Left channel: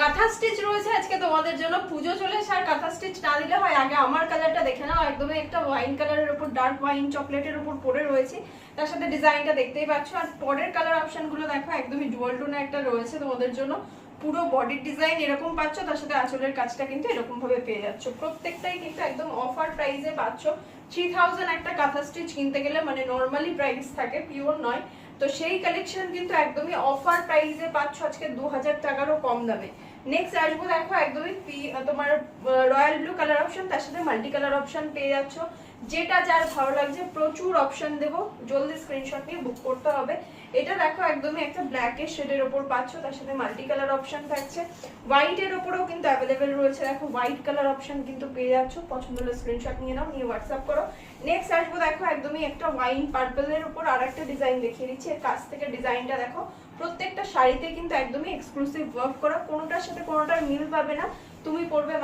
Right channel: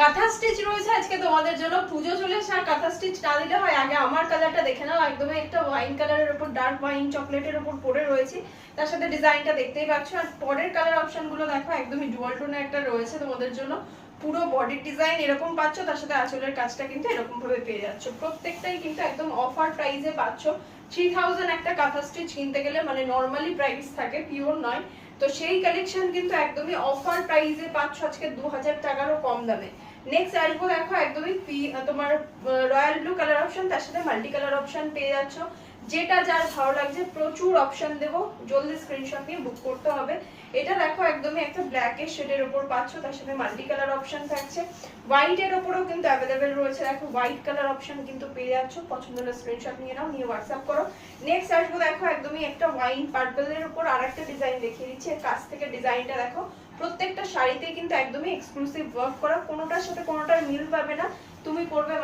কাঁথা স্টিচ রয়েছে আজকে তোমাদের জন্য। পুজো চলে এসে আর কাঁথা স্টিচ না দিলে হয়। আগে আমার কালারটা দেখে নাও, একদমই একটা ওয়াইন কালারের উপর ডার্ক ওয়াইন চকলেটের উপর পরে রয়েছে, তার সাথে ডিজাইনটা দেখতেই পাচ্ছ। আর পরের কালার অপশন গুলো দেখো, একদমই ডুয়াল টোনে একটা রয়েছে তোমাদের জন্য। পুরো বডির ডিজাইন এরকম পাচ্ছ, তার সাথে আঁচলের কাজটা কিন্তু এরকম ভাবে পেয়ে যাচ্ছ। প্রত্যেকটাই কিন্তু একদম অফার প্রাইসে পাচ্ছ। 3000 একটা কাঁথা স্টিচ কিনতে গেলে মানে নর্মালি প্রাইস থাকে, পিওর নয়। তো সেই কালেকশন কিন্তু একদমই অফার প্রাইসে পাচ্ছ আজকে 2000 টাকারও কম দামে। নেক্সট আসবো দেখো, একদমই তোমার রয়্যাল ব্লু কালার অপশন, তার সাথে মাল্টি কালার অপশন পেয়ে যাচ্ছ। যেটা যার ভালো লাগছে, প্রচুর অপশন দেবো, জলদি স্ক্রিনশট নিয়ে বুক করতে হবে। এটা দেখো একদমই একটা ব্ল্যাকের শেডের উপর পাচ্ছ, তার সাথে মাল্টি কালার অপশন থাকছে। হোয়াইটের উপরেও কিন্তু অ্যাভেলেবেল রয়েছে, দেখো হোয়াইট কালার অপশন কিন্তু পেয়ে যাচ্ছ। পছন্দ হলে স্ক্রিনশট নিয়ে নাও, নিয়ে হোয়াটসঅ্যাপ করো। নেক্সট আসবো দেখো, একদমই একটা ওয়াইন পার্পলের উপর আর একটা ডিজাইন দেখিয়ে দিচ্ছি। এর কাছ থেকে ডিজাইনটা দেখো, প্রত্যেকটা শাড়িতে কিন্তু একদমই এক্সক্লুসিভ ওয়ার্ক করা, কোনোটার সাথে কোনোটার মিল পাবে না। তুমি পরবে